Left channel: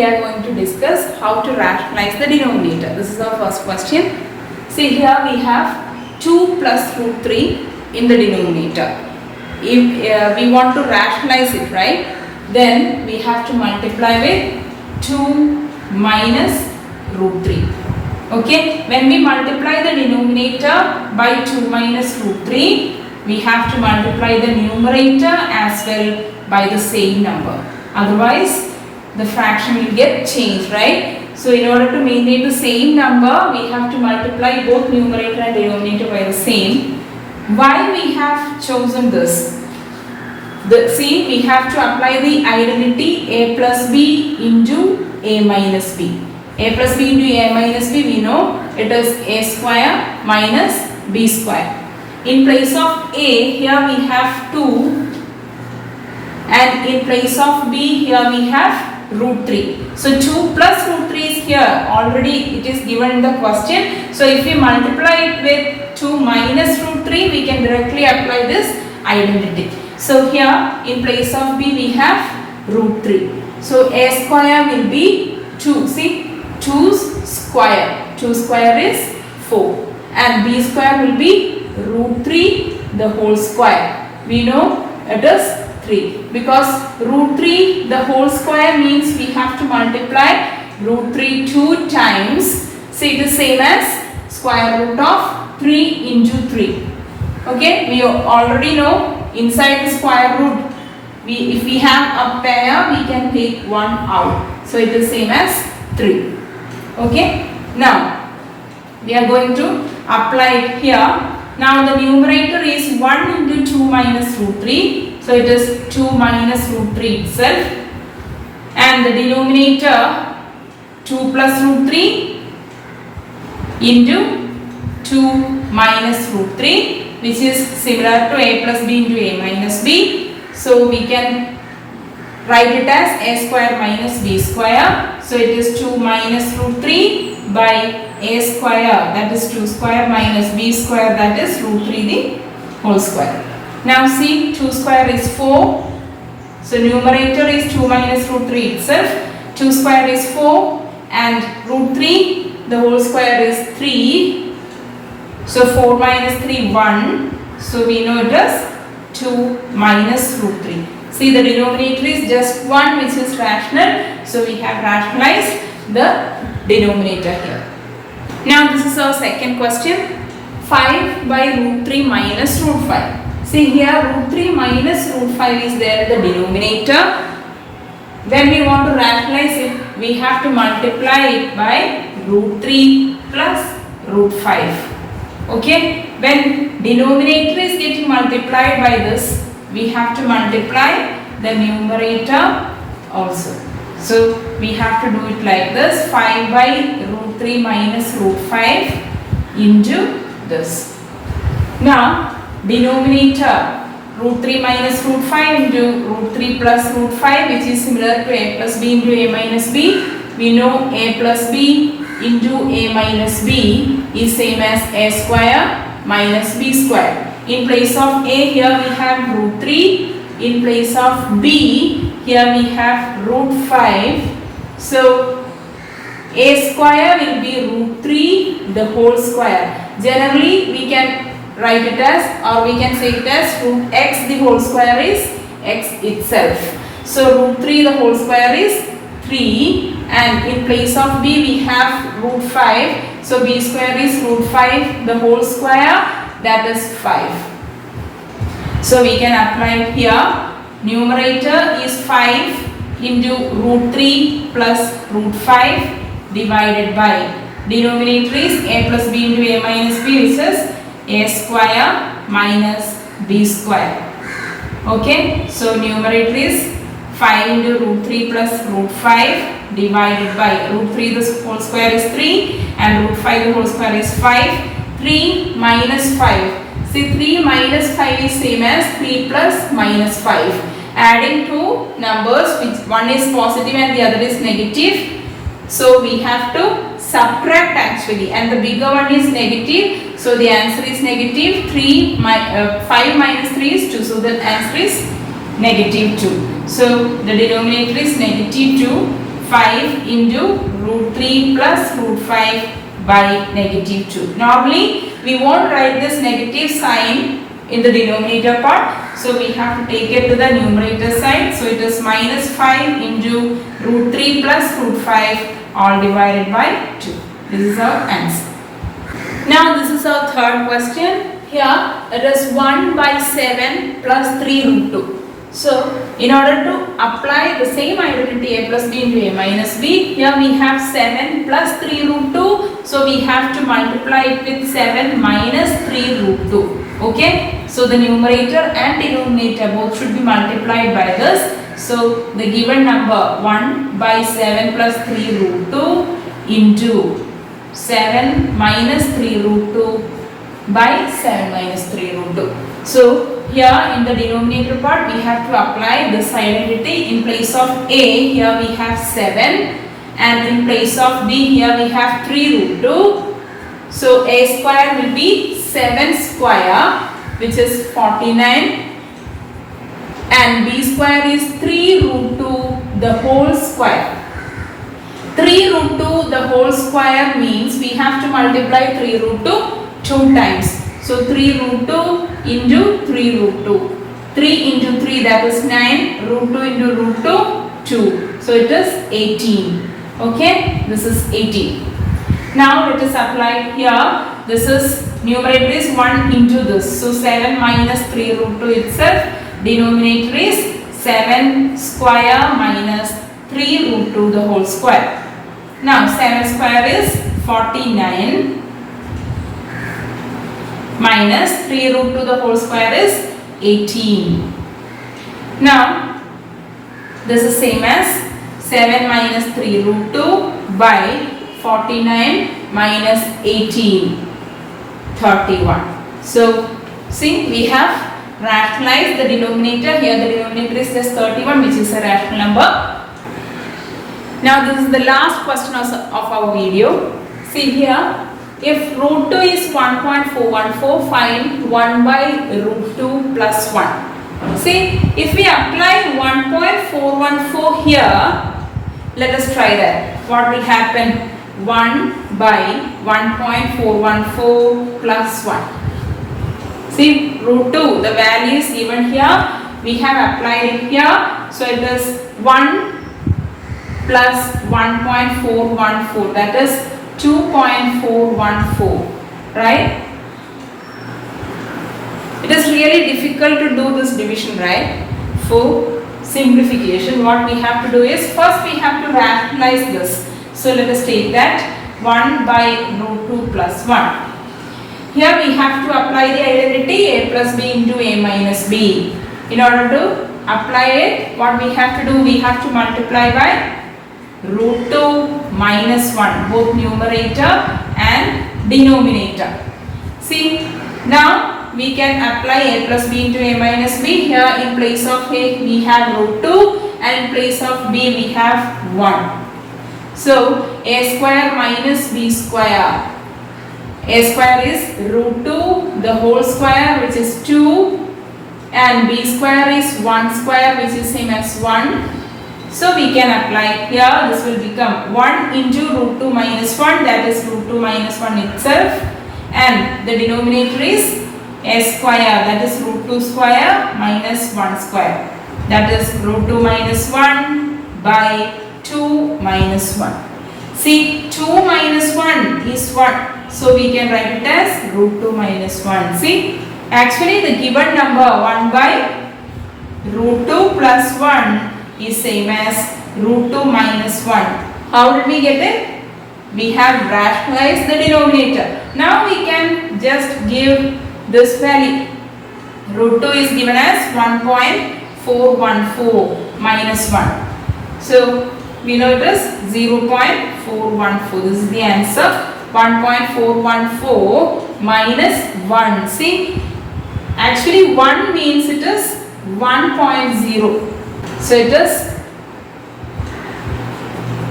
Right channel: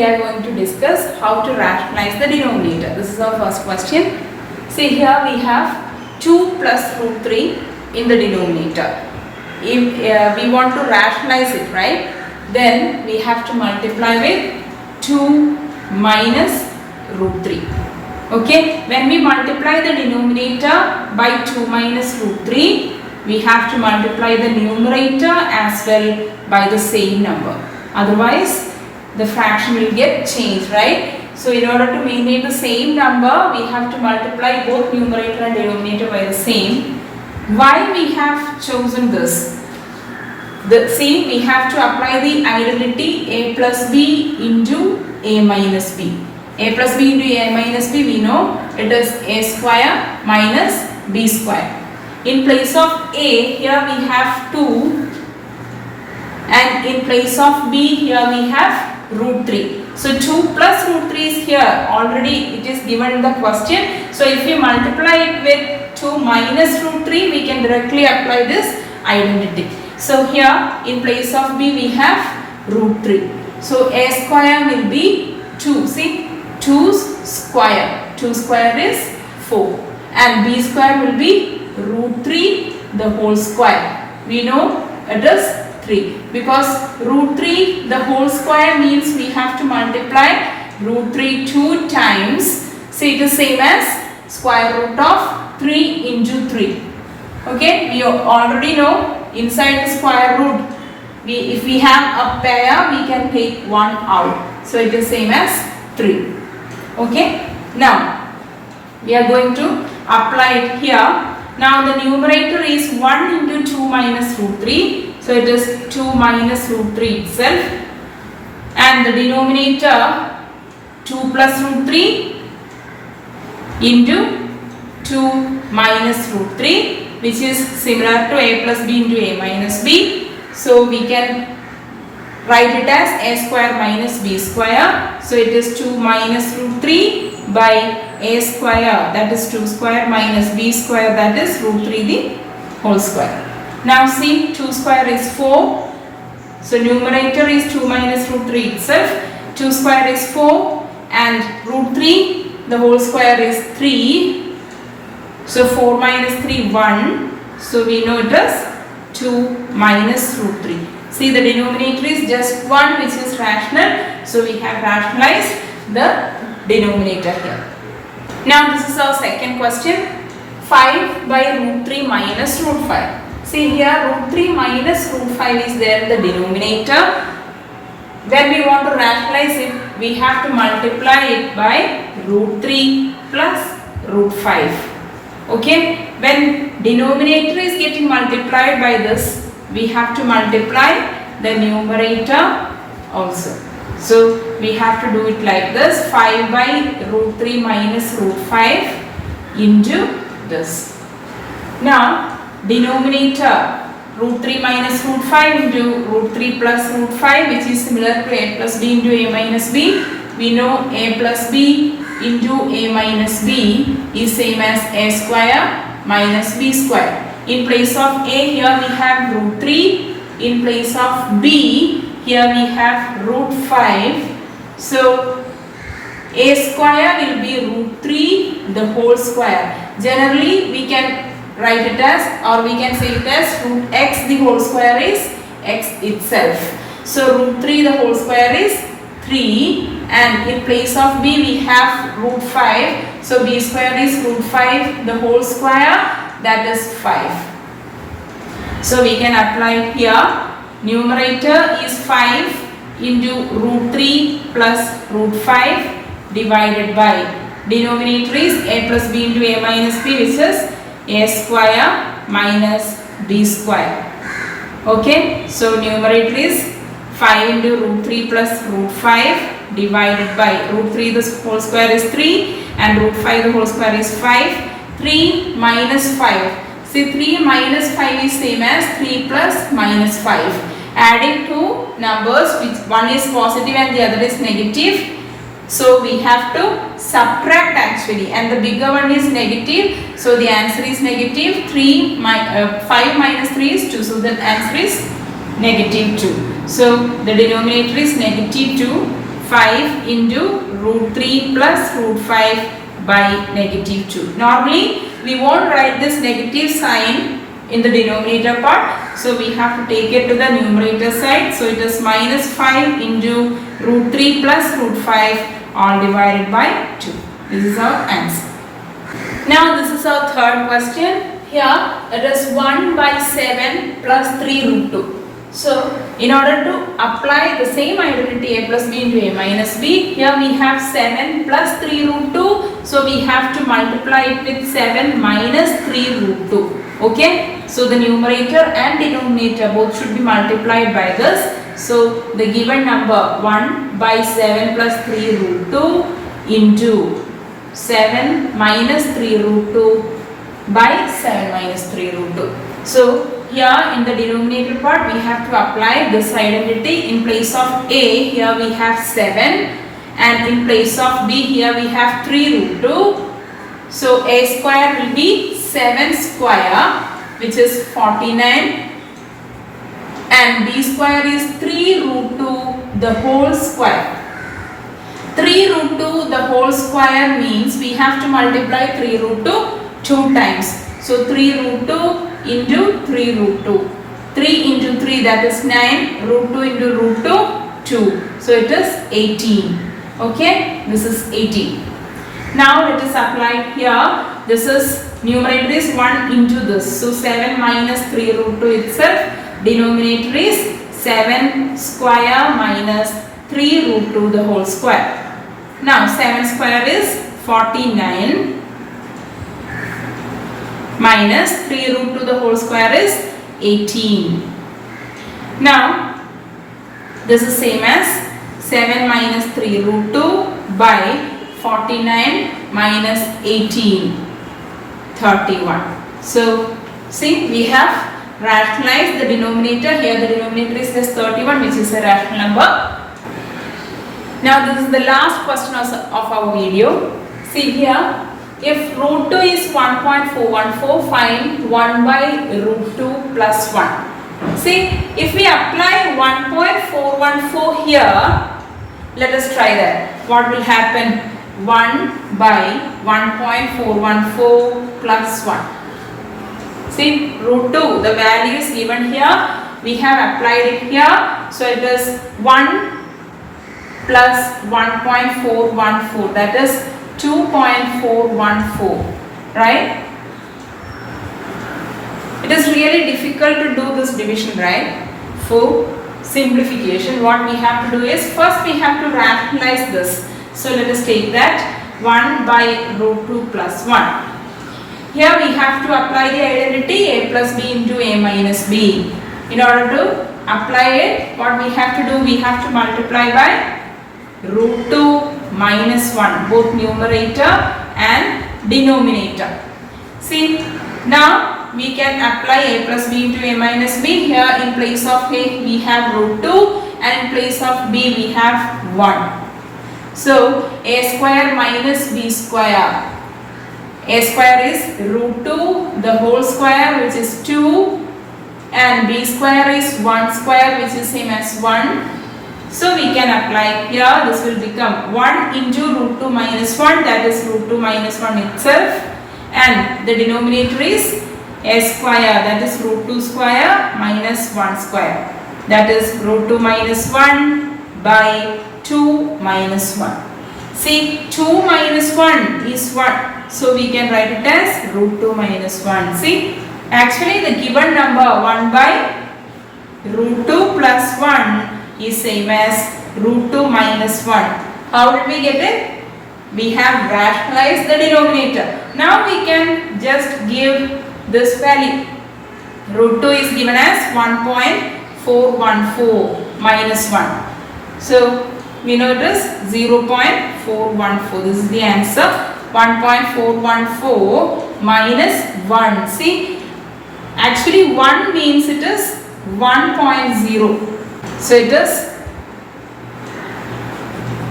we are going to discuss how to rationalize the denominator. This is our first question. See, here we have 2 plus root 3 in the denominator. If we want to rationalize it, right, then we have to multiply with 2 minus root 3. Okay, when we multiply the denominator by 2 minus root 3, we have to multiply the numerator as well by the same number. Otherwise, the fraction will get changed, right? So, in order to maintain the same number, we have to multiply both numerator and denominator by the same. Why we have chosen this? See, we have to apply the identity a plus b into a minus b. A plus b into a minus b, we know it is a square minus b square. In place of a, here we have 2, and in place of b, here we have root 3. So 2 plus root 3 is here, already it is given in the question. So if we multiply it with 2 minus root 3, we can directly apply this identity. So here in place of b, we have root 3. So a square will be 2. See, 2's square. 2 square is 4. And b square will be root 3 the whole square. We know it is 3. Because root 3 the whole square means we have to multiply root 3 2 times. So it is same as square root of 3 into 3. Okay, we already know inside the square root, if we have a pair, we can take 1 out. So it is same as 3. Okay, now we are going to apply it here. Now the numerator is 1 into 2 minus root 3. So it is 2 minus root 3 itself. And the denominator 2 plus root 3 into 2 minus root 3, which is similar to a plus b into a minus b. So we can write it as a square minus b square. So it is 2 minus root 3 by a square, that is 2 square minus b square, that is root 3 the whole square. Now see, 2 square is 4. So numerator is 2 minus root 3 itself. 2 square is 4 and root 3 the whole square is 3. So 4 minus 3 1. So we know it is 2 minus root 3. See, the denominator is just 1, which is rational. So we have rationalized the denominator here. Now this is our second question. 5 by root 3 minus root 5. See, here root 3 minus root 5 is there in the denominator. When we want to rationalize it, we have to multiply it by root 3 plus root 5. Okay, when denominator is getting multiplied by this, we have to multiply the numerator also. So we have to do it like this: 5 by root 3 minus root 5 into this. Now denominator root 3 minus root 5 into root 3 plus root 5, which is similar to a plus b into a minus b. We know a plus b into a minus b is same as a square minus b square. In place of a, here we have root 3. In place of b, here we have root 5. So a square will be root 3 the whole square. Generally we can write it as, or we can say it as, root x the whole square is x itself. So root 3 the whole square is 3, and in place of b we have root 5. So b square is root 5 the whole square, that is 5. So we can apply here. Numerator is 5 into root 3 plus root 5 divided by denominator is a plus b into a minus b, which is a square minus b square. Okay, so numerator is 5 into root 3 plus root 5 divided by root 3 the whole square is 3 and root 5 the whole square is 5. 3 minus 5. See, 3 minus 5 is same as 3 plus minus 5. Adding two numbers, which one is positive and the other is negative. So we have to subtract actually, and the bigger one is negative. So the answer is negative. 5 minus 3 is 2. So the answer is negative 2. So the denominator is negative 2. 5 into root 3 plus root 5 by negative 2. Normally we won't write this negative sign in the denominator part, so we have to take it to the numerator side. So it is minus 5 into root 3 plus root 5 all divided by 2. This is our answer. Now this is our third question. Here it is 1 by 7 plus 3 root 2. So in order to apply the same identity a plus b into a minus b, here we have 7 plus 3 root 2. So we have to multiply it with 7 minus 3 root 2. Okay. So the numerator and denominator both should be multiplied by this. So the given number 1 by 7 plus 3 root 2 into 7 minus 3 root 2 by 7 minus 3 root 2. So here in the denominator part we have to apply this identity. In place of a, here we have 7, and in place of b, here we have 3 root 2. So a square will be 7 square, which is 49, and b square is 3 root 2 the whole square. 3 root 2 the whole square means we have to multiply 3 root 2 2 times. So 3 root 2 into 3 root 2. 3 into 3, that is 9. Root 2 into root 2, 2. So it is 18. Okay, this is 18. Now let us apply here. This is numerator is 1 into this. So 7 minus 3 root 2 itself. Denominator is 7 square minus 3 root 2 the whole square. Now 7 square is 49. Minus 3 root 2 the whole square is 18. Now this is same as 7 minus 3 root 2 by 49 minus 18, 31. So see, we have rationalized the denominator. Here the denominator is just 31, which is a rational number. Now this is the last question of our video. See here. If root 2 is 1.414, find 1 by root 2 plus 1. See, if we apply 1.414 here, let us try that. What will happen? 1 by 1.414 plus 1. See, root 2, the value is given here. We have applied it here. So it is 1 plus 1.414, that is 2.414, right? It is really difficult to do this division, right? For simplification, what we have to do is first we have to rationalize this. So let us take that 1 by root 2 plus 1. Here we have to apply the identity a plus b into a minus b. In order to apply it, what we have to do, we have to multiply by root 2 minus 1, both numerator and denominator. See, now we can apply a plus b into a minus b. Here in place of a we have root 2, and in place of b we have 1. So a square minus b square. A square is root 2 the whole square, which is 2, and b square is 1 square, which is same as 1. So we can apply here. This will become 1 into root 2 minus 1, that is root 2 minus 1 itself, and the denominator is a square, that is root 2 square minus 1 square, that is root 2 minus 1 by 2 minus 1. See, 2 minus 1 is 1, so we can write it as root 2 minus 1. See, actually the given number 1 by root 2 plus 1 is same as root 2 minus 1. How did we get it? We have rationalized the denominator. Now we can just give this value. Root 2 is given as 1.414 minus 1. So we know it is 0.414. This is the answer. 1.414 minus 1. See, actually 1 means it is 1.0. So it is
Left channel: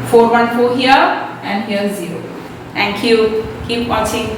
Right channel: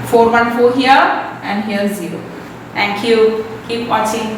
414 here and here 0. Thank you. Keep watching.